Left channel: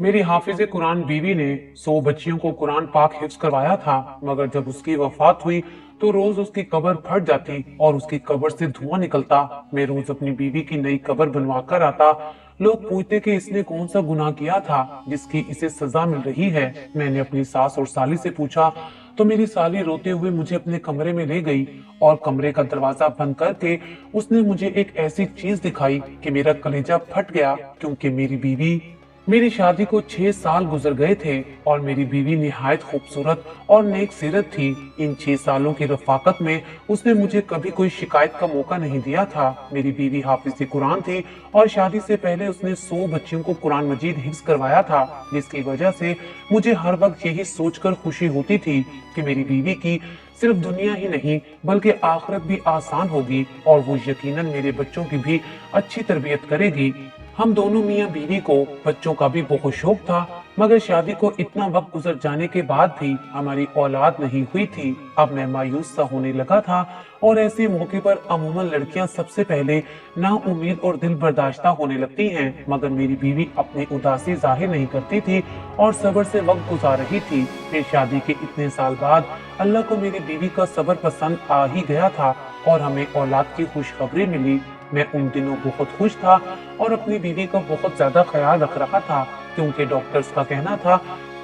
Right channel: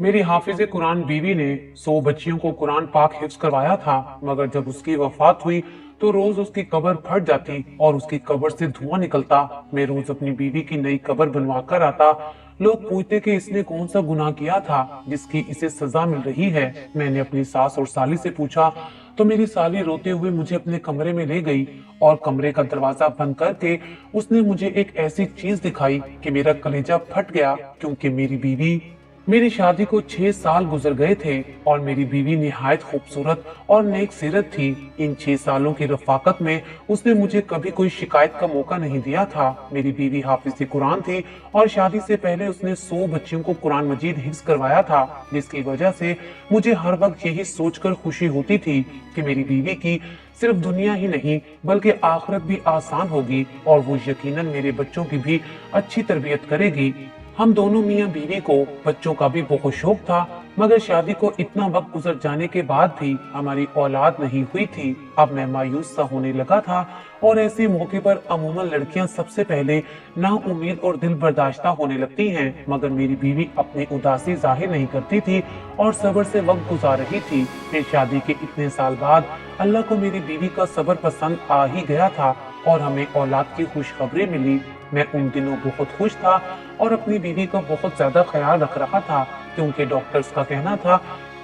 मेरी हाफिज कुरान बीवी ने 100 बच्चियों को कुरान पाक हिफ्ज करवाया था, मगर जब उसकी वफात हुई तो रोज उसकी कब्र फट जाती और उसकी कब्र से धुआं निकलता। मैं रोज अपनी बीवी की नई कब्र बनवा कर आता। लोग पूछते कि इसने कौन सा गुनाह किया था जिसकी इसे सजा मिल रही है। मैंने अपनी सास और साली से पूछा तो मेरी साली रोते हुए मुझे अपने कमरे में ले गई और कमरे का दरवाजा बंद करके उसने मुझे एक ऐसी चीज दिखाई कि मेरा कलेजा फट गया, क्योंकि मेरी शादी को 6 साल गुजर गए थे और मेरी बीवी निहायत खूबसूरत और नेक सीरत थी। इन 6 सालों की रफाकत में उसने मुझे कभी कोई शिकायत का मौका नहीं दिया था। मेरी बीवी हाफिज कुरान थी और शादी से पहले उसने 100 बच्चियों को कुरान मजीद हिफ्ज करवाया था, जिसकी वजह से मुझे हर वक्त यही सोचकर खुशी होती थी कि मेरी बीवी की सिर्फ दुनिया ही नहीं बल्कि आखिरत भी आसान होगी और वो यकीनन मेरे बच्चों की भी अच्छी तरबियत करेगी। हम दोनों मियाँ बीवी को बच्चों का भी बहुत शौक था, मगर शादी को इतना वक्त गुजर जाने के बाद भी हमारी औलाद नहीं हुई थी। अब मैं मायूस सा होने लगा था और ऐसे मौके पर अमूमन लड़कियां सबसे पहले नाउम्मीद और दिल बर्दाश्ता होने लगती हैं, मगर मेरी बीवी अपनी उदासी जाहिर नहीं करती थी और सब्र से वक्त गुजार रही थी। फिर शादी के इतने साल बाद अल्लाह को मेरी बीवी का सब्र पसंद आ ही गया था और हमें औलाद की खुशखबरी मिली। मैं उन दिनों बहुत खुश था और अपनी बीवी का बहुत ज्यादा ख्याल रख रहा था, क्योंकि डॉक्टर्स का कहना था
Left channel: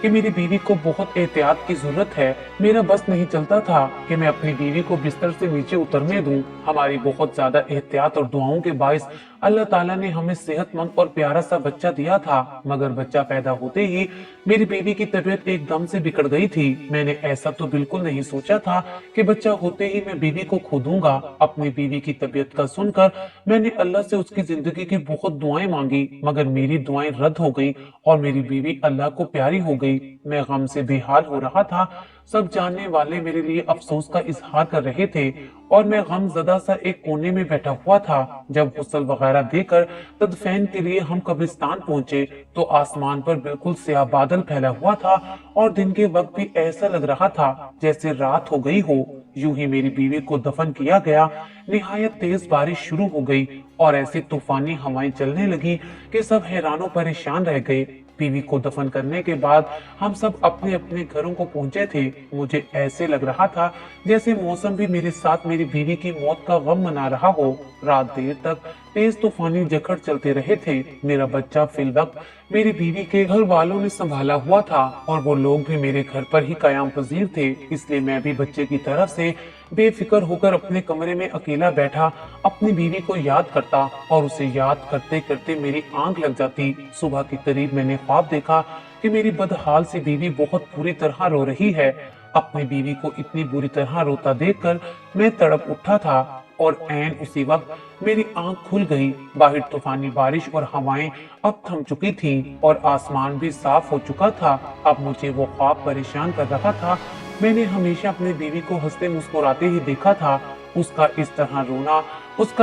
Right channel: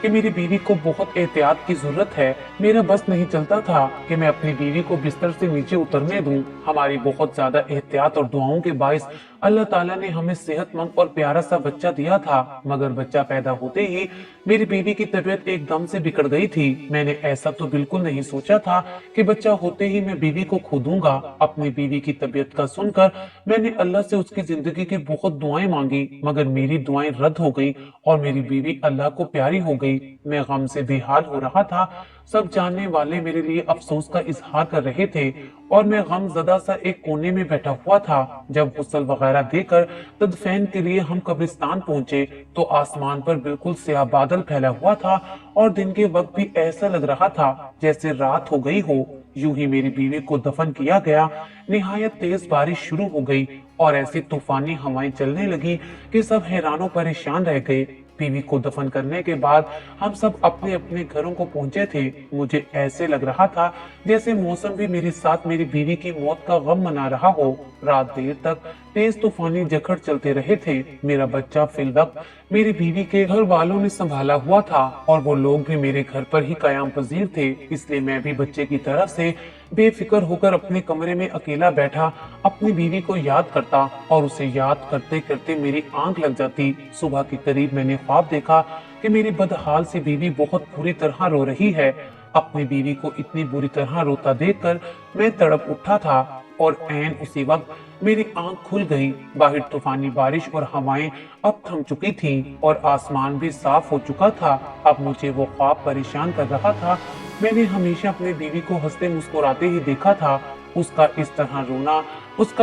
कि मेरी बीवी को बहुत एहतियात की जरूरत है। मेरा बस नहीं चलता था कि मैं अपनी बीवी को बिस्तर से नीचे उतरने दूं। हमारी बहुत ज्यादा एहतियात और दुआओं के बाइस अल्लाह ताला ने हमें सेहतमंद और प्यारा सा बच्चा दिया था, मगर बच्चा पैदा होते ही मेरी बीवी की तबीयत एकदम से बिगड़ गई थी। मैंने ऐसा तो बिल्कुल नहीं सोचा था कि बच्चा होते ही मैं बीवी को खो दूंगा। अपनी बीवी की तबीयत का सुनकर मैंने अल्लाह से उसकी जिंदगी की बहुत दुआएं मांगी, मगर मेरी दुआएं रद्द हो गई और मेरी बीवी अल्लाह को प्यारी हो गई। मैं गम से बेहाल हो रहा था। सब जानने वाले मेरे लिए अफसोस का इजहार कर रहे थे और मैं गम ज़दा सा एक कोने में बैठा हुआ था। जब गुस्ल वगैरह देकर तदफीन के लिए हम कब्रिस्तान पहुंचे तो आसमान पर बिल्कुल स्याह बादल फैला हुआ था और दिन के वक्त भी ऐसा लग रहा था जैसे रात हो गई हो। यूं ही मेरी बीवी को दफन किया गया। निहायत तेज बारिश शुरू हो गई और ऐसी तूफानी हवाएं चलने लगी कि सब हैरानों परेशान रह गए। बीवी को दफन करने के बाद हम सब अपने अपने घरों को पहुंचे थे। मुझे ऐसे लग रहा था जैसे मौसम भी मेरे साथ मेरी बीवी की मौत का गम मना रहा हो। रात देर तक तेज तूफानी जखड़ चलते रहे थे। मेरा बच्चा फिलवक्त मेरी बीवी के घर वालों ने संभाला हुआ था और वो लोग भी मेरे घर पर ही कयाम पजीर थे, इसलिए मैं भी बच्चे की तरफ से बेफिक्र होकर अपने कमरे में अकेला बैठा अपनी बीवी को याद करता और उसे याद करते करते मेरी आंख लग जाती। सुबह के करीब मैंने ख्वाब देखा कि मेरी बदहाल सी बीवी बहुत बुरी तरह रो रही है। अपनी बीवी को इतनी बुरी तरह रोता देखकर मैं तड़प उठा था और ऐन उसी वक्त मेरी आंख खुल गई। बाहर तूफानी बारिश और हवाएं अब थम चुकी थीं और आसमान भी साफ हो चुका था। अब मुझे वो ख्वाब परेशान कर रहा था। मैंने हमेशा अपनी बीवी को हंसते मुस्कुराते ही देखा था। उसका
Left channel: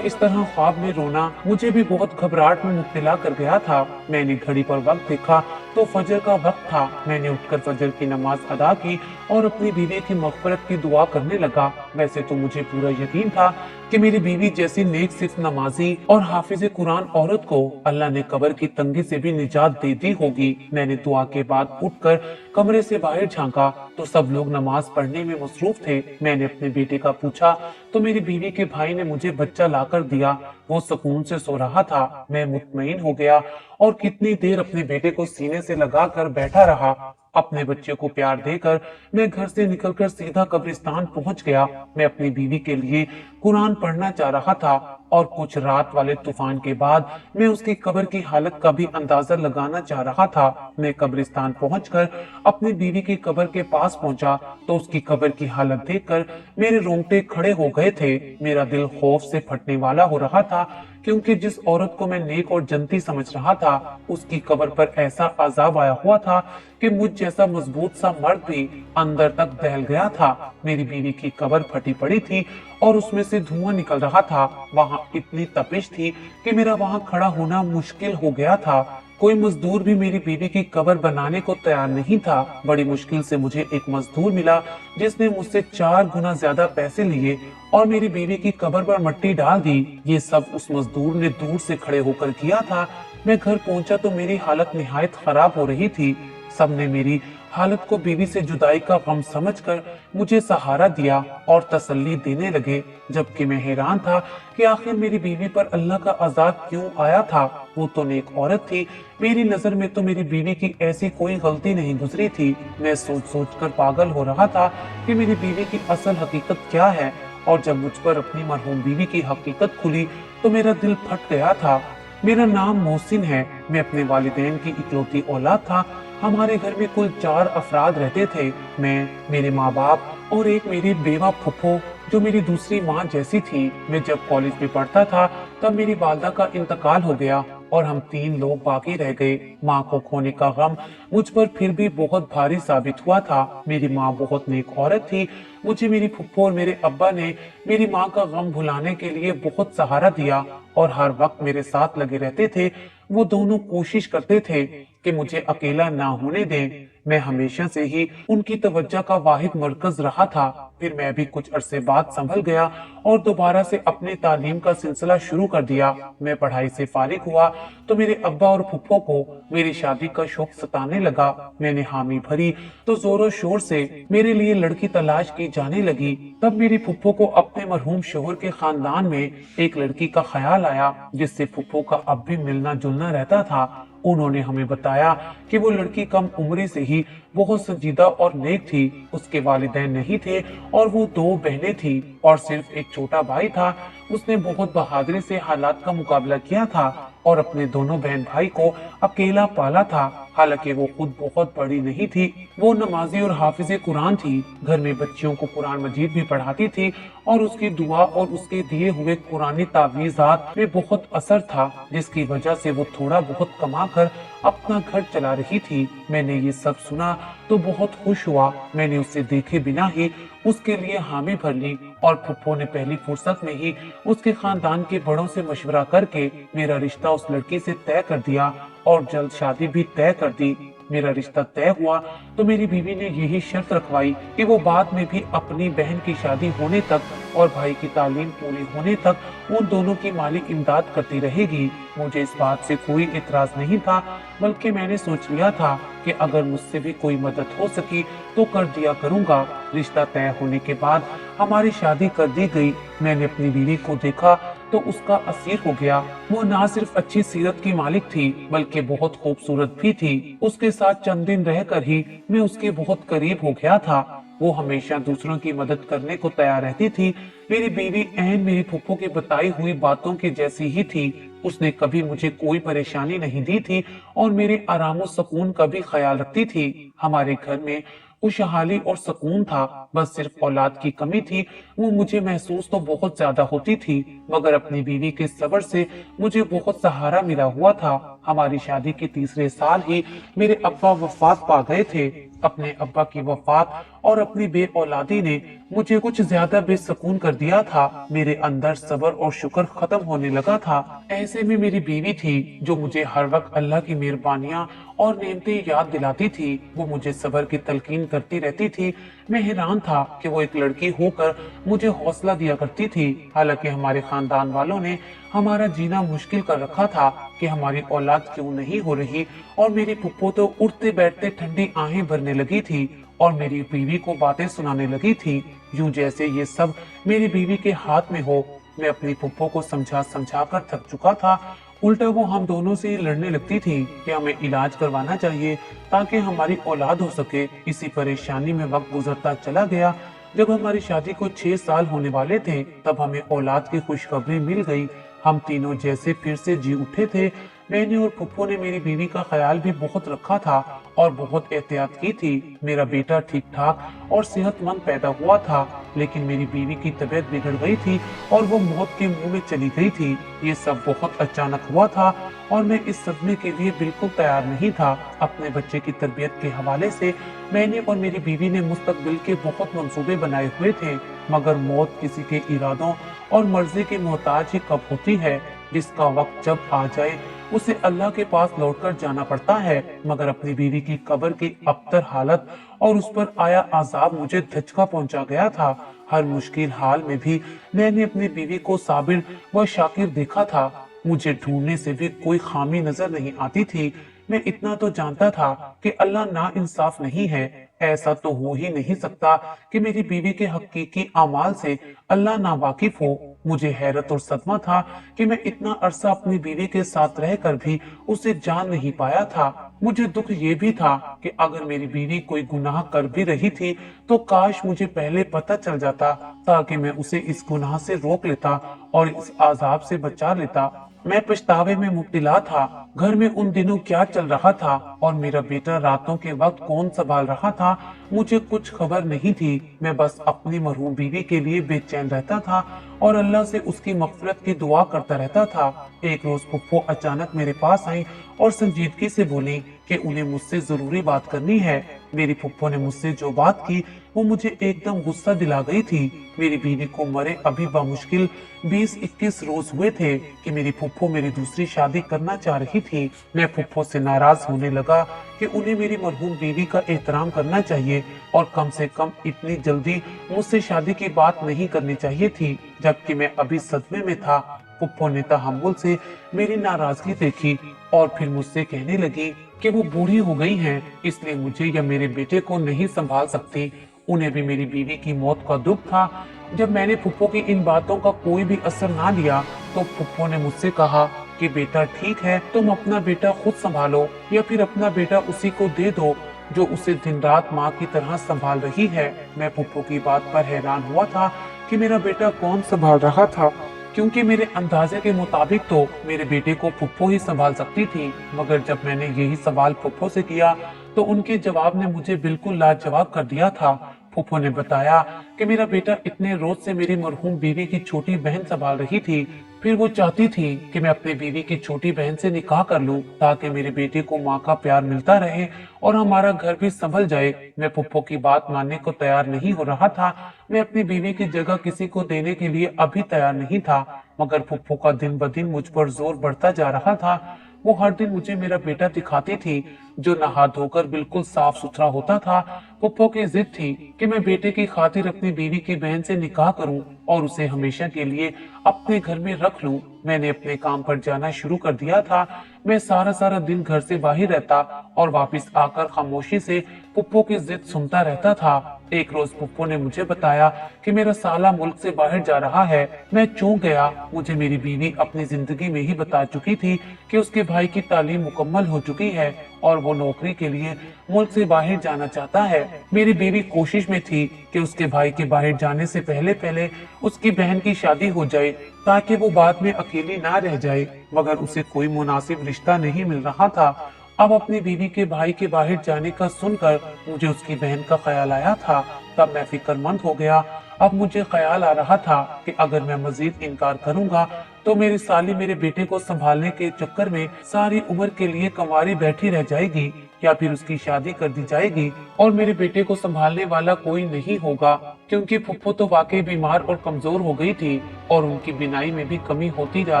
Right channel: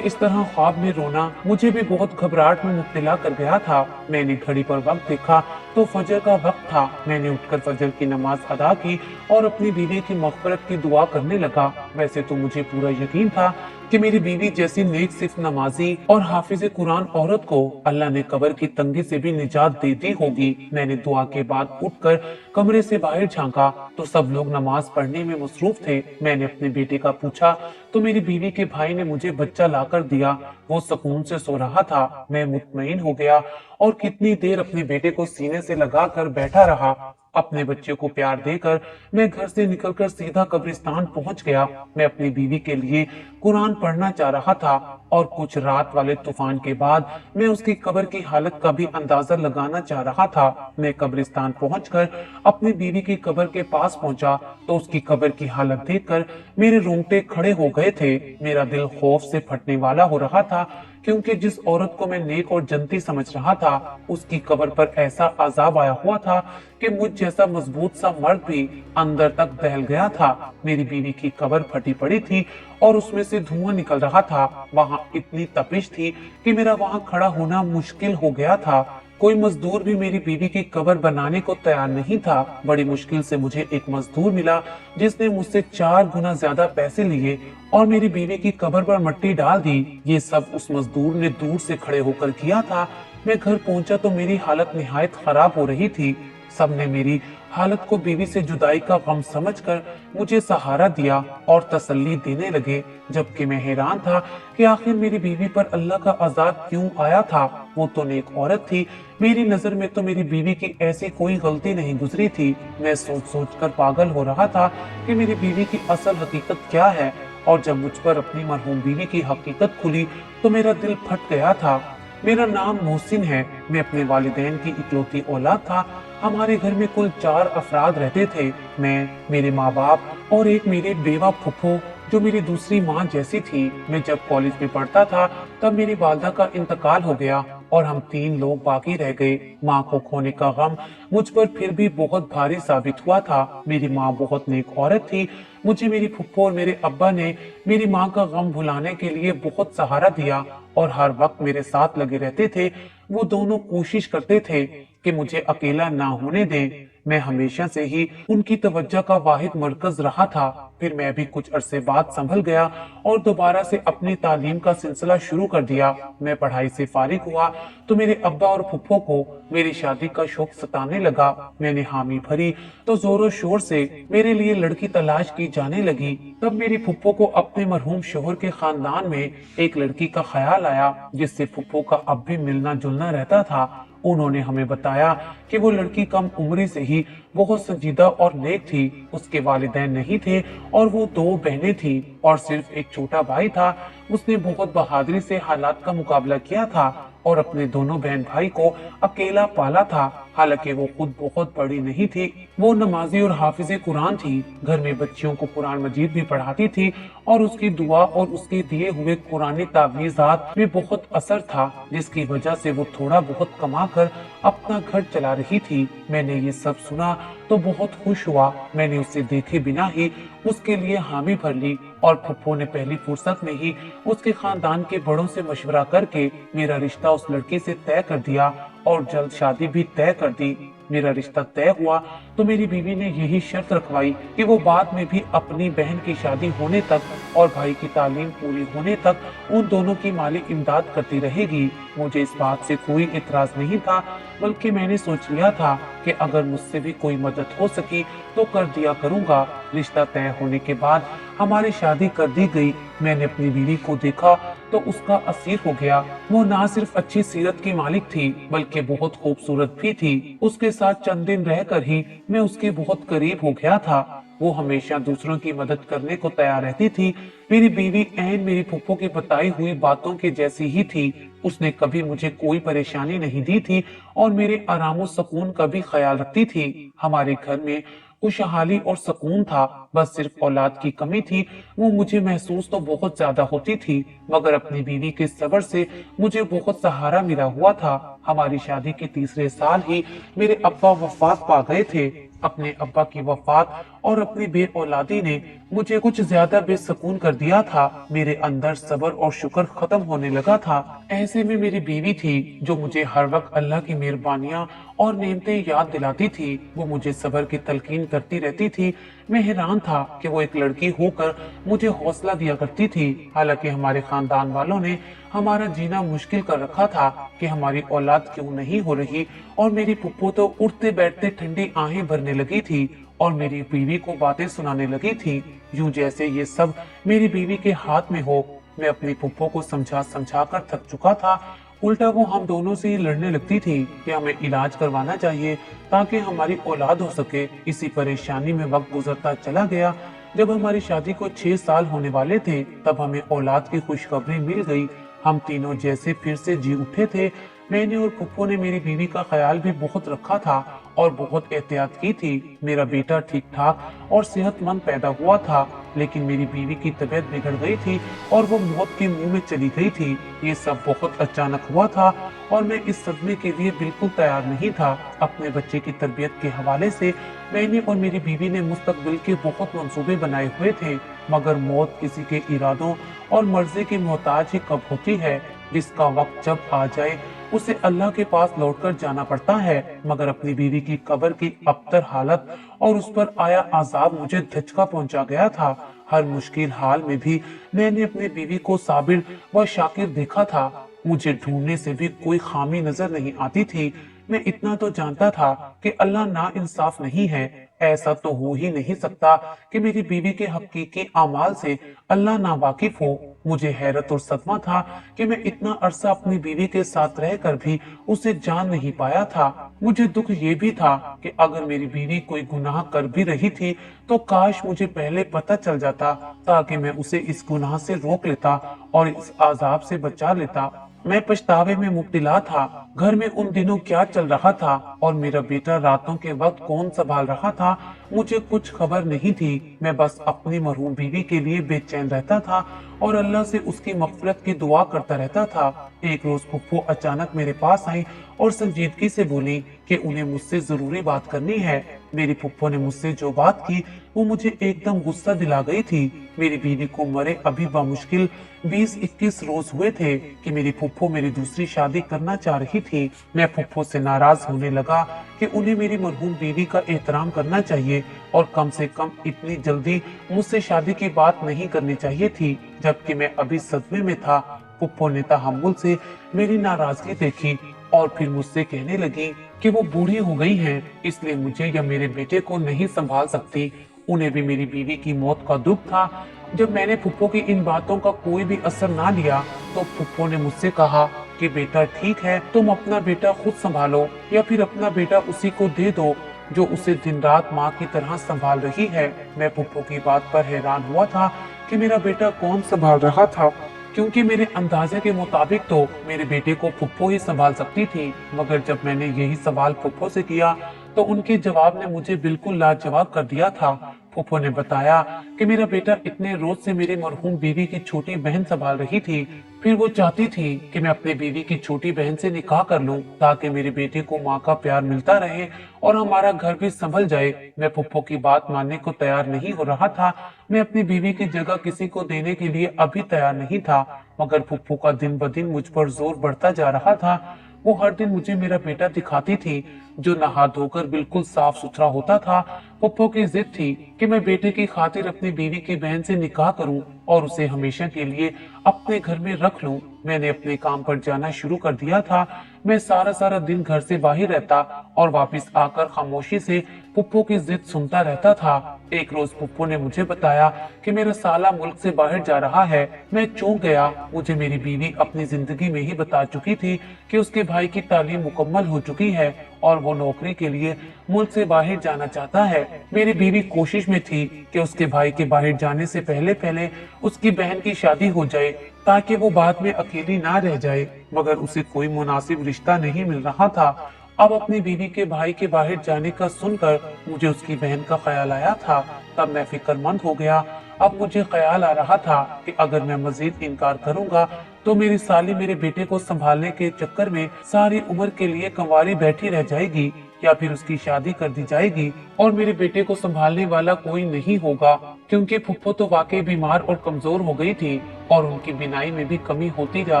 इस तरह ख्वाब में रोना मुझे भी बहुत घबराहट में मुब्तला कर गया था। मैंने घड़ी पर वक्त देखा तो फजर का वक्त था। मैंने उठकर फजर की नमाज अदा की और अपनी बीवी की मग़फ़िरत की दुआ करने लगा। वैसे तो मुझे पूरा यकीन था कि मेरी बीवी जैसी नेक सिर्फ नमाजी और हाफिज कुरान औरत को अल्लाह ने कब्र की तंगी से भी निजात दे दी होगी। मैंने दुआ के बाद उठकर कमरे से बाहर झांका तो सब लोग नमाज पढ़ने में मसरूफ थे। मैंने अपने बेटे का पूछा तो मेरी बीवी के भाई ने मुझे बच्चा लाकर दिया। वो सुकून से सो रहा था। मैं मुतमईन हो गया और कितनी देर अपने बेटे को सीने से लगाकर बैठा रहा। अपने बच्चे को प्यार देकर मैं घर से निकलकर सीधा कब्रिस्तान पहुंच गया। मैं अपनी बीवी के लिए कुरान पढ़ना चाह रहा था और कुछ रात वाले तूफान के बाद मैं उसकी कब्र की हालत का भी अंदाजा लगाना चाह रहा था। मैं कब्रिस्तान पहुंचकर अपनी बीवी की कब्र के पास पहुंचा तो उसकी कब्र की हालत देखकर मेरे रोंगटे खड़े हो गए थे। मेरा दिल खौफ से फटने वाला हो रहा था, क्योंकि जिस औरत को मैं नेक और जन्नती समझ रहा था उसकी कब्र पर ऐसा अजाब आया हुआ था कि मुझ जैसा मजबूत सा मर्द भी अंदर तक दहल गया था। मेरी बीवी की कब्र फटी पड़ी थी और उसमें से धुआं निकल रहा था। वहां इतनी तपिश थी कि मेरा वहां खड़ा होना मुश्किल हो गया था। कोई मजदूर भी मेरी बीवी की कब्र बनाने को तैयार नहीं था। बड़ी मुश्किल से मुझे एक मजदूर मिला जिसने मुझसे 4 गुना ज्यादा पैसे लिए और मेरी बीवी की कब्र पर मिट्टी डाल दी। ये सब उस मजदूर ने दूर से खड़े होकर किया था। मैं घर पहुंचा तो मेरी हालत निहायत खराब हो रही थी। सबने मेरी हालत को बीवी से जुदाई का गम समझकर मुझे सहारा दिया और तसल्ली देने लगे, जबकि मैं हैरान था कि आखिर मेरी बीवी पर अल्लाह का अजाब क्यों आया था। वो तो नेक औरत थी, मेरी नजर में तो मेरी बीवी की ऐसी कोई गलती नहीं गुजरी थी। मैं सोच सोच कर पागल हो रहा था कि मेरी बीवी की असल हकीकत क्या है, और जब मुझ पर अपनी मरहूम बीवी की हकीकत खुली तो मेरा दिल फट गया था। मेरा नाम मोहसिन है, मैं अपने वालिदैन की इकलौती औलाद था। हमारे घर में कुल 4 अफराद रहते थे, मैं, मेरे माँ बाप और एक मेरी बेवा फुफ्फो जो मेरी दूसरी माँ जैसी थी। मैं जब कॉलेज में पढ़ता था तब मेरी वालदा का इंतकाल हो गया और हम 3 लोग बाकी रह गए। माँ को खोने का गम मुझ पर फिर भी बहुत भारी साबित हुआ था। मेरी माँ बहुत नेक औरत थी। मुझे मेरी फुफ्फो और मेरे अब्बा ने मेरी माँ का गम भुलाने के लिए बहुत सहारा दिया और हर वक्त मेरे साथ लगे रहते थे। वो दोनों कोशिश करते थे कि मुझे अकेला ना होने दें। मैं हमेशा से ही उनकी तवज्जो का वाहिद मरकज रहा था। फिर मैं भी कुछ अरसे बाद संभल गया और दोबारा से अपनी तालीम का सिलसिला शुरू कर दिया। मैं पढ़ाई से फारिग हुआ तो मेरे अब्बा और फुफ्फो को मेरी शादी का शौक सताने लगा। मैंने हामी भरी तो जोरों शोर से मेरे लिए लड़की तलाश की जाने लगी। तब मेरी फुफ्फो को अपने मरहूम शोहर के खानदान में एक लड़की का ख्याल आया जिससे फुफ्फो का अब भी मिलना जुलना रहता था। उन्होंने हमें बताया कि वो लड़की कम उम्र से ही बहुत संजीदा और नेक थी। उसके वालिदैन नहीं थे और वो 2 बहनें थी और सिर्फ एक छोटा भाई था। उसने बहुत बहादुरी से हालात का मुकाबला किया था और अपने दोनों बहन भाई को अकेला पाला था। हालांकि वो खुद बहुत बड़ी नहीं थी, वो नमाजी और हाफिज़े कुरान थी। घर में बच्चियों को कुरान मजीद भी पढ़ाती थी और उसकी दुआ और उसके दिए हुए कुरानी तावीज़ात में बहुत असर था, जिसकी वजह से वो थोड़ा बहुत कमा कर अपना घर चला रही थी। मैंने ये सब सुना तो बहुत खुश हुआ। मैंने उसे देखे बिना ही उसके लिए हामी भर ली और फुफ्फो ने पहली फुर्सत में ही उसके खानदान के बड़ों से मशवरा करके मेरा रिश्ता उस लड़के से तय कर दिया और जल्द शादी भी तय कर दी। मेरा रिश्ता तय हुआ तो मेरी बीवी ने यही शर्त रखवाई कि वो बाद में भी अपनी बहन की शादी होने तक और भाई की तालीम पूरी होने तक उन दोनों की माली इमदाद करती रहेगी। मुझे इस बात से कोई इतराज नहीं था, बल्कि मैंने सोच लिया था कि अगर मुझसे भी कोई मदद हो सकी तो कर दिया करूंगा। रिश्ता तय होने के बाद हमारी शादी कर दी गई। मैंने अपनी बीवी को देखा तो उसका असीर हो गया। वो ना सिर्फ अच्छी सीरत की मालिक थी बल्कि बहुत खूबसूरत भी थी। उसके साथ चंद दिन रहकर ही मैं उसके बहुत करीब हो गया था। वो हमेशा दूसरों की मदद करने को तैयार रहती थी। मेरी बीवी ऐन मेरी फुफ्फो की बताई हुई बातों के जैसी ही थी। उसने कभी मुझे कोई परेशानी नहीं दी थी और मेरे आराम और सुकून का भी ख्याल रखती थी। हमारे घर में खुशहाली और सुकून था, बस सिर्फ औलाद की कमी थी। वो मुझे महसूस तो बहुत ज्यादा होती थी, मगर अपनी बीवी के सब्र से मुझे बहुत सहारा मिला हुआ था। हमारी शादी के तीसरे साल ही मेरे अब्बा वफात पा गए थे। अपने अब्बा की वफात और अपनी बे औलादी ने मुझे कुछ ज्यादा बेसुकून कर दिया था। मेरे अंदर सब्र और शुक्र खत्म होने लगा था। ऐसे में मेरी बीवी थी जो मुझे हर वक्त अल्लाह की मेहरबानियां और नेमतें याद दिलाती थी। वो मुझे सब्र की तलकीन करती रहती थी। मैं हैरान था कि वो एक लड़की होकर मुझे हौसला दिया करती थी। हालांकि हमारे खानदान वालों ने हमारा जीना मुश्किल कर रखा था कि हमारी औलाद क्यों नहीं हो रही, और मेरी फुफ्फो तो उठते बैठते ठंडी आहें भरने लगी थी और मेरी बीवी को बातें सुनाने लगी थी, यूं जैसे ये सब मेरी बीवी के हाथ में हो। मैं अपनी फुफ्फो को समझा समझा कर थक चुका था। उल्टा वो हम दोनों से ही लड़ने लगती थी कि हमें इलाज करवाना चाहिए ताकि हमारी औलाद हो सके। इसी परेशानी में वक्त गुजरता चला गया। जब हमारी शादी को 6 साल होने वाले थे तब हमें औलाद की खुशखबरी मिल गई। हम तीनों जैसे फिर से जी उठे थे। मैंने और फुफ्फो ने मेरी बीवी का ख्याल भी बहुत रखा था और बहुत एहतियात की थी। मेरा बेटा ठीक ठाक और सेहतमंद पैदा हुआ था, लेकिन मेरी बीवी की तबीयत बिगड़ गई थी और वो मौत के मुंह में चली गई थी। ये सब बहुत अचानक हुआ था और मैं इस सदमे के लिए बिल्कुल तैयार नहीं था। अपने बच्चे की तरबियत के हवाले से मैंने और मेरी बीवी ने मुस्तकबिल के बहुत मंसूबे बनाए हुए थे, मगर मौत किसी के इरादों और मर्जी की मोहताज ही कब होती है। जिसका वक्त जब आ जाए उसे अल्लाह के पास लौटकर जाना पड़ता है। मगर अपनी बीवी की कब्र की अबतर हालत और उस पर आया अजाब मुझे धचका पहुंचा गया था। हर मुश्किल हाल में भी मैंने अपनी बीवी को साबिर व शाकिर देखा था। मुझे ढूंढने से भी कोई खामी नजर नहीं आती थी। मैं इतना तो जानता था कि अल्लाह नाइंसाफ नहीं है। ऐसा तो हो ही नहीं सकता कि मेरी बीवी के हकीकी अमाल से अल्लाह नावाकिफ हो। मुझे हैरत और सदमा था कि मैं इतना अरसा अपनी बीवी के साथ रहकर भी उसे जान नहीं पाया था। मुझे दुख ये भी था कि अगर मेरी बीवी कोई गुनाह कर भी रही थी तो काश मुझे पहले पता चल जाता, ताकि मैं उसे इस गुनाह से रोक लेता और इस आजाब से बचा लेता। मैं पछतावे में मुब्तला था। घर में उन दिनों क्या चल रहा था और मेरा बेटा रातों के वक्त कौन संभाल रहा था, मुझे कुछ खबर नहीं थी। मैं बस अपनी मरहूम बीवी के लिए बेचैन रहता था और अल्लाह से उसकी मग़फ़िरत की दुआ करता रहता था। एक रोज फुफ्फो अचानक मेरे पास आई और संजीदगी से बोली कि उन्हें मुझसे जरूरी बात करनी है। मेरी फुफ्फो ने मुझसे जो बात की वो मुझे एकदम गुस्सा दिला गई थी। मेरी बीवी को मरे अभी बामुश्किल 20-21 रोज हुए थे कि मेरी फुफ्फो मेरी दूसरी शादी करना चाह रही थी। मैं फुफ्फो से नाराज होने लगा कि उन्हें मेरी मरहूम बीवी का एहतराम करना चाहिए और कम से कम इतनी जल्दी मुझसे शादी की बात नहीं करनी चाहिए थी, जबकि मैं अभी सदमे में था। फुफ्फो ने तहम्मुल से मेरी नाराजगी देखी और फिर मुझसे कहने लगी कि वो बूढ़ी हो गई हैं, इसलिए मुझे या मेरे बेटे को नहीं संभाल सकती। उन्हें भी मेरी बीवी की मौत का दुख था। जब मैंने फुफ्फो की इन बातों का कोई भी असर ना लिया तो फुफ्फो ने मुझसे कहा कि बेटा ठीक है, तुम अपना बेटा खुद संभालो या फिर अपना बेटा उसी को दे दो जो उसे दिन रात माँ की तरह संभाल रही है। मैं फुफ्फो की बात पर हैरान हुआ था कि मेरा बेटा कौन संभाल रहा था, क्योंकि मेरे अंदाजे के मुताबिक तो मेरे बेटे को फुफ्फो ही संभाल सकती थी। मगर जब मैंने यही सवाल फुफ्फो से किया तो उनके जवाब ने मुझे बिल्कुल लाजवाब कर दिया था। फुफ्फो ने बताया कि मेरा बेटा इतने रोज से मेरी मरहूम बीवी की छोटी बहन संभाल रही थी। फिर वो चाहती थी कि मैं अपनी बीवी की छोटी बहन से निकाह कर लूं, ताकि मेरे बेटे को माँ का प्यार मिलता रहे और हमारा घर भी संभल जाए। मैं फुफ्फो की बात मानने को तैयार नहीं हो रहा था। मैं अपनी बीवी की जगह किसी को देने के लिए अभी तैयार नहीं था, मगर फुफ्फो का दिन ब दिन मुझ पर जोर बढ़ता जा रहा था। वो हर दिन मुझे मेरा बेटा दिखाती थी, जो नहा धोकर बिल्कुल साफ सुथरा होता था। फुफ्फो की जिद थी कि मैं बेटे की खातिर अपनी बीवी की बहन से निकाह करूं और उसे हमेशा के लिए अपने घर में रख लूं। मैंने अपने काम पर जाना शुरू कर दिया था। मैं सारा सारा दिन घर से बाहर रहता और वापस आकर खामोशी से फुफ्फो की जिद सुनता रहता था। एक रोज फुफ्फो ने मुझे बताया कि मेरा साला मुल्क से बाहर जा रहा है। मैं चौंक गया। मुझे मेरी बीवी अपनी जिंदगी में ही बता चुकी थी कि उसके भाई की तालीम मुकम्मल हो चुकी है और वो नौकरी के लिए मुल्क से बाहर जाना चाहता है। मेरी बीवी कोशिश में थी कि उसके भाई के बाहर जाने से पहले पहले उसकी बहन की शादी हो जाए, ताकि वो बाद में अकेली ना रह जाए, मगर उसे कोई मुनासिब रिश्ता नहीं मिल रहा था। अब अपनी बीवी के भाई के बाहर जाने का सुनकर मुझे उसकी बहन का ख्याल आया था। तब मैं फिक्रमंद हो गया। अब मुझे ख्याल आ रहा था कि अगर मैं मजीद इनकार करूंगा तो मेरी साली मेरे बेटे को संभालने के चक्कर में सारी उम्र के लिए कंवारी बैठी रह जाएगी, या फिर उसकी शादी कर दी जाएगी और मेरे बेटे को संभालने वाला कोई नहीं होगा, क्योंकि फुफ्फो तो वाकई बीमार और कमजोर हो गई थी और उनकी बिनाई में भी कमी होती जा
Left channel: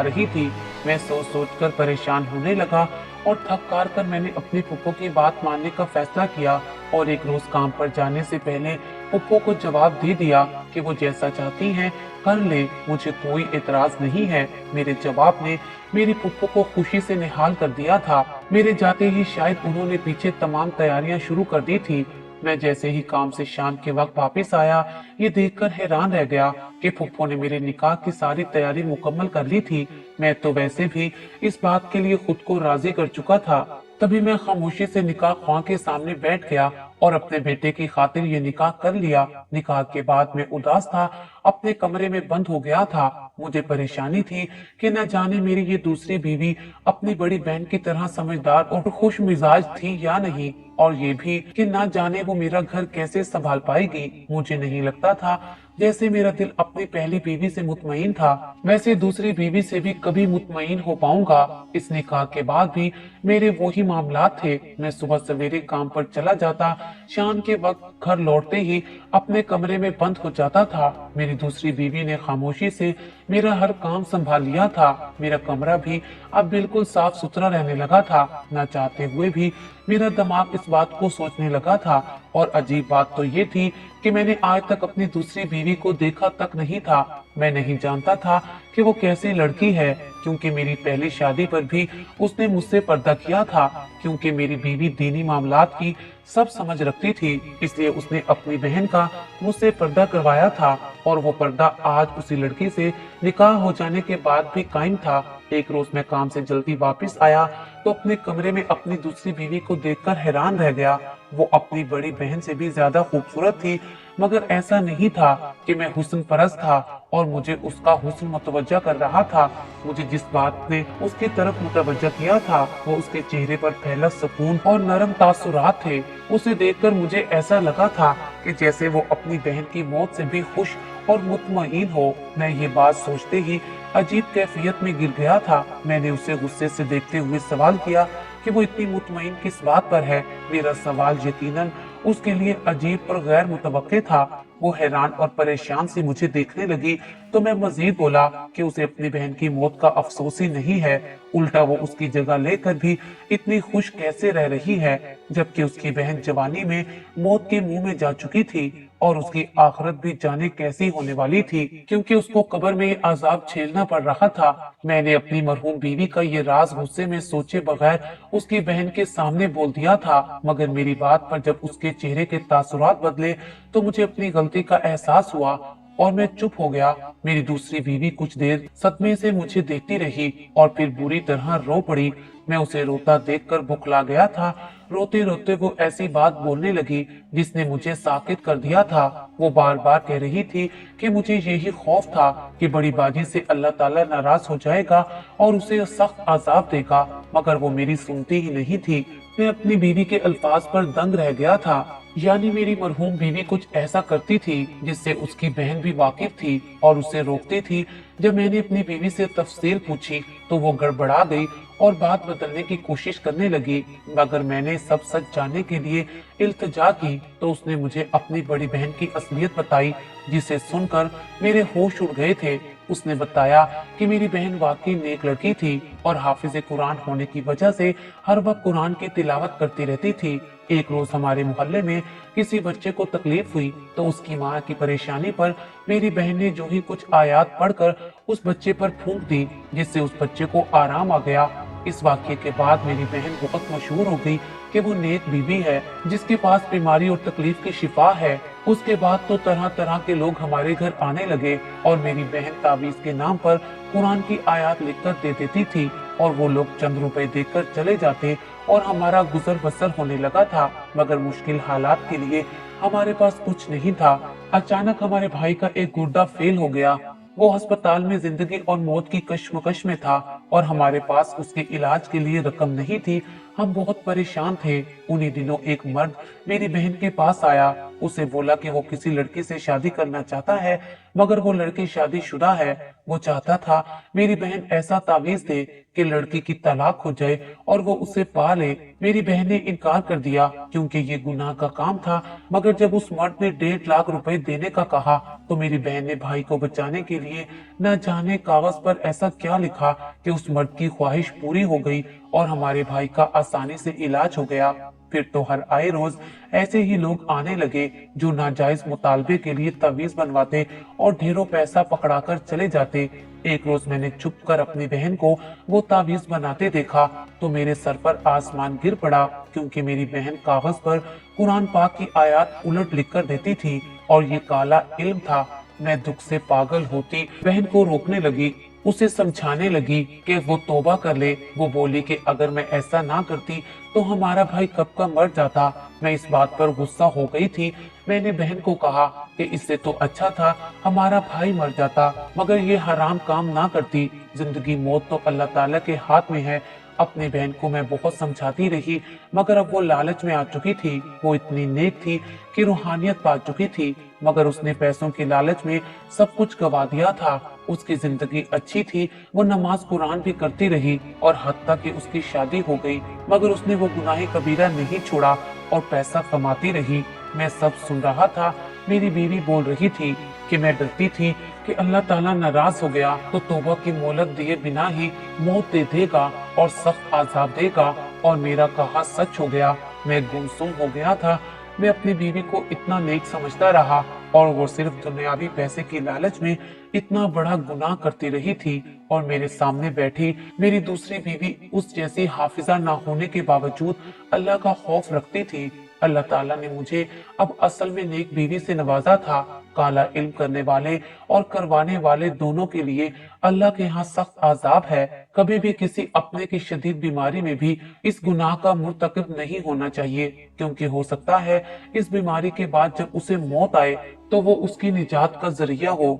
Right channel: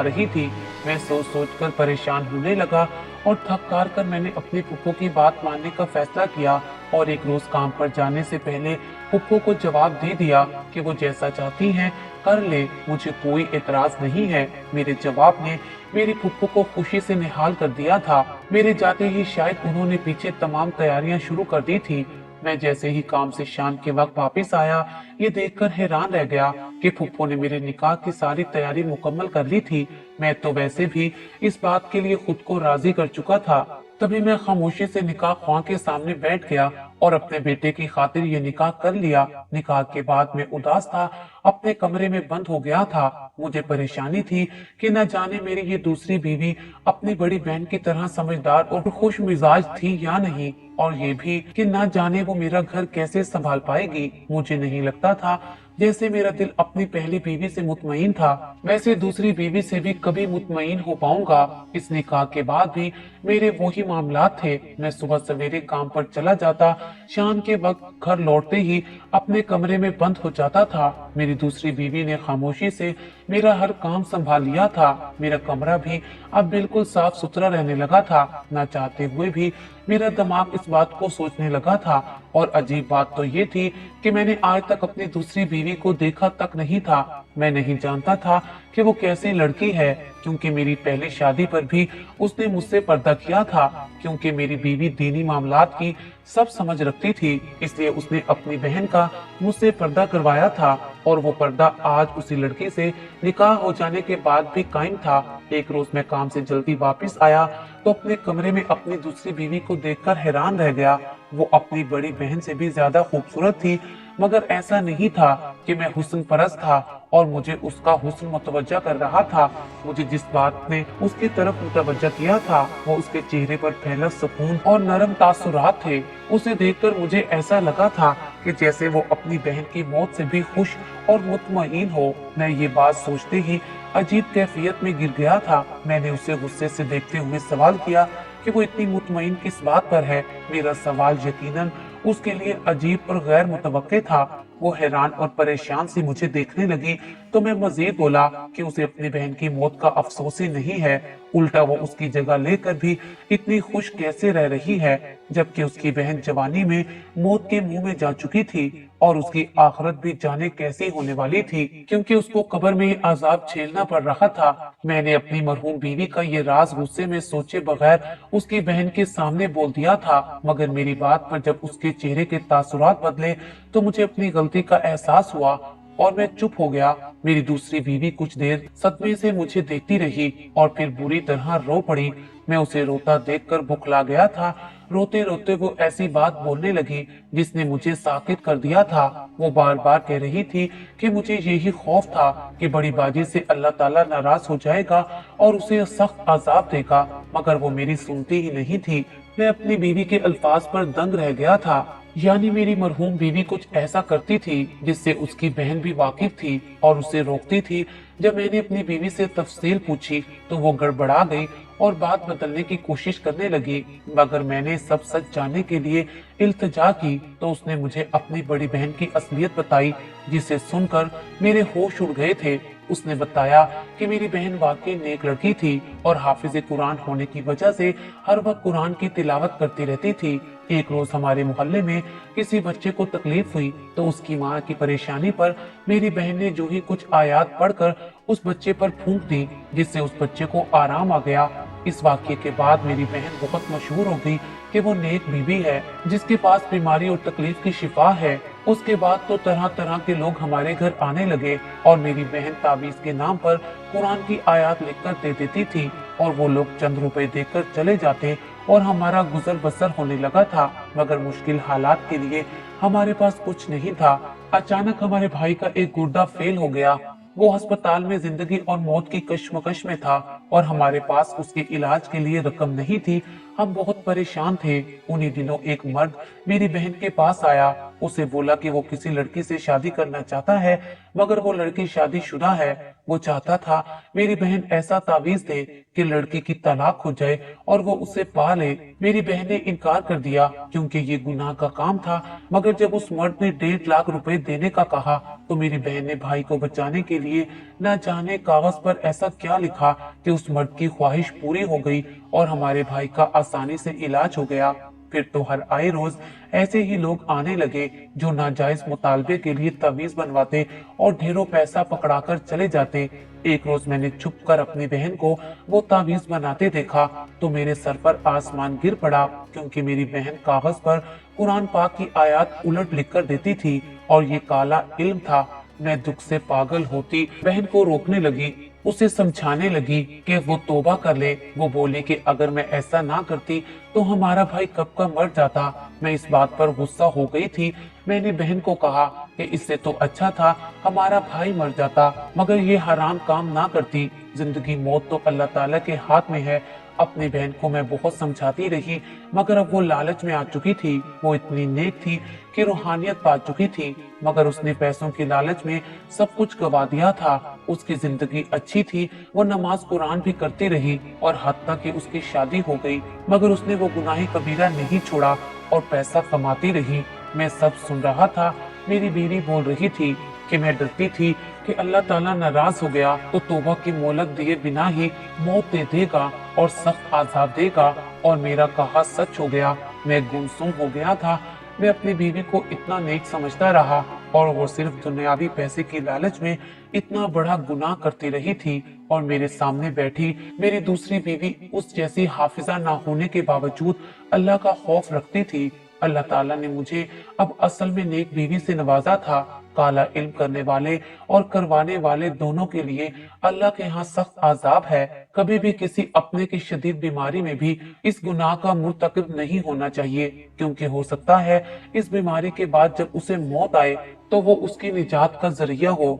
रही थी। मैं सोच सोच कर परेशान होने लगा और थक कार कर मैंने अपनी फुफ्फो की बात मानने का फैसला किया और एक रोज काम पर जाने से पहले फुफ्फो को जवाब दे दिया कि वो जैसा चाहती हैं कर ले, मुझे कोई एतराज नहीं है। मेरे जवाब ने मेरी फुफ्फो को खुशी से निहाल कर दिया था। मेरे जाते ही शायद उन्होंने पीछे तमाम तैयारियां शुरू कर दी थी। मैं जैसे ही काम से शाम के वक्त वापस आया, ये देखकर हैरान रह गया कि फुफ्फो ने मेरे निकाह की सारी तैयारी मुकम्मल कर ली थी। मैं तो वैसे भी इस बात के लिए खुद को राजी कर चुका था। तभी मैं खामोशी से निकाह ख्वां के सामने बैठ गया और अपने बेटे की खातिर ये निकाह कर लिया। निकाह के बाद मैं उदास था, अपने कमरे में बंद हो गया था। मुझे परेशानी थी कि न जाने मेरी ये दूसरी बीवी अपनी बड़ी बहन की तरह समझदार और खुश मिजाज थी या नहीं, और ये भी कि न जाने वो मेरा घर कैसे संभाल पाएगी। मुझे नहीं लगता था जैसे मेरा दिल अपनी पहली बीवी से मुतमईन था, वैसे दूसरी बीवी से भी कभी मुतमईन हो पाऊंगा। इस निकाह के बाद भी मेरे वही मामलात थे। मैं सुबह सवेरे काम पर चला जाता, शाम के वक्त घर लौटते ही अपने कमरे में बंद हो जाता था। मेरी दूसरी बीवी ने खामोशी से मेरा हर काम संभाल लिया था। मेरा कमरा भी अब बिल्कुल साफ सुथरा रहने लगा था। न चाहते हुए भी मेरा दिमाग इस बात को सोचने लगा था। और अजीब बात तो ये थी कि मैंने आज तक अपनी दूसरी बीवी को देखा तक नहीं था। मैं नहीं जानता था कि वो कैसी लड़की है, क्योंकि मेरी पहली शादी पर भी उसने मुझसे पर्दा किया था। क्योंकि मेरी बीवी दीनी मामलात की सब समझ रखती थी, इसलिए उसने अपनी बहन का मुझसे पर्दा करवाया था, और वो पर्दा आज उसी लड़की से निकाह हो जाने के बाद भी कायम था। एक रोज मैं काम से जल्दी वापस आया तो अपने कमरे में अपनी दूसरी बीवी को देखकर हैरान रह गया। वो अपनी बड़ी बहन से भी ज्यादा खूबसूरत थी, मगर ऐसा नहीं था कि मैं हुस्न परस्त था और मुझे उसका हुस्न मुतवज्जा कर रहा था। मुझे जिस बात ने उसकी तरफ मुतवज्जा किया था वो उसके चेहरे पर फैला सुकून और नरम तासुरात थे। उसे देखकर मुझे ऐसा लगा था कि जैसे वो अपनी बहन की मौत से भी खुश और मुतमईन हो। मैं ये बात सोचते ही अजीब कैफियत में गिर गया था। मैंने उसे गुस्से से देखते हुए सवाल किया कि वो इतनी मुतमईन किस बात पर है। मेरा सवाल यकीनन उसके लिए अजीब और गैर मुतवक्के था। वो हैरान और परेशान से मुझे देखने लगी तो मैं मजीद बोला कि उसे अपनी बहन की मौत का अफसोस ही नहीं है, उल्टा वो उसकी जगह लेकर भी इतनी खुश कैसे रह रही है, जबकि उसकी बहन जवानी में मौत के मुंह में जा चुकी थी और उसकी आखिरत भी जाने कैसी होने वाली थी, क्योंकि उसको कब्र में अजाब झेलना पड़ रहा था। मैंने अपनी मरहूम बीवी का ये राज गुस्से में सोचे बगैर उसकी बहन के सामने बोल दिया था, मगर मेरी बात पर जब उसके चेहरे के तासुरात बदले तो मुझे अपनी गलती का एहसास हुआ और मैं चुप हो गया। मेरी दूसरी बीवी कुछ देर सदमे से मुझे देखती रही और फिर बुरी तरह रो पड़ी। मैं उसे रोता देखकर बुखला गया था। रोते रोते वो ऐसी बात बोलने लगी जिसने मुझे साकित कर दिया था। वो बार बार कह रही थी कि मुझे यही खौफ था कि बड़ी बाजी से अल्लाह ताला नाराज हो जाएगा और उसे सख्त अजाब देगा, मगर वो मेरी सुनती ही नहीं थी। मैं अपनी बीवी के अल्फाज पर दंग रह गया था। यानी मेरी मरहूम बीवी कुछ ऐसा करती थी जिससे उसकी बहन भी वाकिफ थी और उसे रोकती थी। जब मैंने अपनी बीवी से तफसील पूछी तो वो गड़बड़ा गई और बात बदलने की कोशिश करने लगी, मगर मैंने सब सच जानने के लिए इल्तिजा की तो उसने मुझे अपनी बड़ी बहन की असलियत बताई, जिसे सुनकर मेरे होश उड़ गए थे। उसने बताया कि मेरी बहन वाकई नेक लड़की थी और हाफिज कुरान होने की वजह से हर वक्त कुरान की तिलावत करती रहती थी। एक रोज हमारे मोहल्ले में किसी बच्चे को तकलीफ हुई तो उसकी माँ की परेशानी पर मेरी बहन ने जो ही कुछ आयात पढ़कर उस बच्चे पर फूंक दी, जिससे उस बच्चे को आराम आ गया। इस वाक्य के बाद मेरी बहन बहुत मशहूर हो गई कि वो नेक बीवी है जिसके पास बीमारी और तकलीफ की शिफा है। उसके बाद तो तरह तरह के लोग हमारे घर आने लगे और मेरी बहन तावीज के नाम पर कुरान की आयत लिखकर दे देती थी और वो लोग चंद रुपए देकर चले जाते और हमारा गुजर बसर होने लगा था। मगर मुश्किल हालात के लिए हमारे पास कुछ नहीं था। अचानक हमारे भाई का एक गुर्दा फेल हो गया। वो अस्पताल में जिंदगी और मौत की कश्मकश में था और हमारे पास उसके इलाज के लिए रकम नहीं थी। हम बहुत परेशान थे। उन्हीं दिनों एक मर्द मेरी बहन के पास आया। उसे बोला कि वो किसी लड़की से शादी करना चाहता है, मगर वो लड़की शादीशुदा है। वो चाहता था मेरी बहन ऐसा तावीज दे कि लड़की की तलाक हो जाए और वो उसे पा ले। मेरी बहन ने इनकार कर दिया क्योंकि ये गुनाह का काम था, मगर जब उस मर्द ने 1.5 लाख रुपए देने का कहा तो मेरी बहन ने भाई को बचाने के लिए न जाने कागज पर ऐसा क्या लिखा कि उस मर्द की ख्वाहिश पूरी हो गई और हमारे भाई का आसानी से इलाज हो गया। फिर तो हर आए रोज ऐसे ही लोग आने लगे जो नाजायज मुतालबे के लिए तावीज बनवाते और ढेरों पैसा पकड़ाकर चले जाते। एक रोज मैंने छुप कर अपनी बहन को वो तावीज बनाते देखा तो मेरे सर पर आसमान गिर पड़ा, क्योंकि मेरी बहन कागज पर कुरान पाक की आयत उलट लिख कर देती थी और ये काला इल्म था। मैं दुख से पागल होती बहन को रोकने लगी, उसे समझाने लगी कि वो तौबा कर ले। वो बोली कि अगर मैं ऐसा ना करती तो हमारा भाई कब का मर जाता। मैं इस बात पर गुस्सा हो गई थी। मैंने बहन को कहा कि इससे तो अच्छा था हमारा भाई मर जाता, मगर ये हराम काम ना करती। जिंदगी मौत तो अल्लाह ताला के हाथ में है। अपनी बहन को मैं बहुत समझाती रही, मगर अब वो लालच में आ चुकी थी। वो इतनी नेक थी कि रूहानियत पा चुकी थी, मगर उसने पैसों की लालच में सब कुछ गवा दिया था। उसकी जिंदगी अच्छी थी, वो नमाज कुरान भी करती रही और हत्ता कि उसकी शादी हो गई, मगर उसने वो गुनाही कबीरा नहीं छोड़ा और पैसा कमाती रही। मैं सब सुन रहा था। मेरी बीवी बोल रही थी कि मैं डरती थी कि अल्लाह ताला नाराज हो गया तो तौबा की मोहलत दिए बिना ही मौत दे देगा और सख्त आजाब देगा, और मेरा कहा सच हो गया। मैं गुमसुम हो गया था। मैं अपनी बीवी को इतना नेक समझता रहा और वो सिर्फ दुनियावी पैसे की लालच में इतना बड़ा गुनाह करती रही थी और मेरे सामने बैठी मेरी दूसरी बीवी उस जैसी हाफिजा ना होने के बावजूद अल्लाह का खौफ रखती थी। अल्लाह ताला ने मुझे अब असल में नेक बीवी से नवाजा था। काला इल्म करने वाले और करवाने वाले दोनों के लिए अल्लाह के यहाँ सख्त आजाब है। कभी भी किसी अपने की शदीद बीमारी में भी इस गुनाह का मुर्तकिब नहीं होना चाहिए, क्योंकि हो सकता है इस बीमारी के बाद जब उसे मौत आए तो वो उसकी निजात का जरिया हो।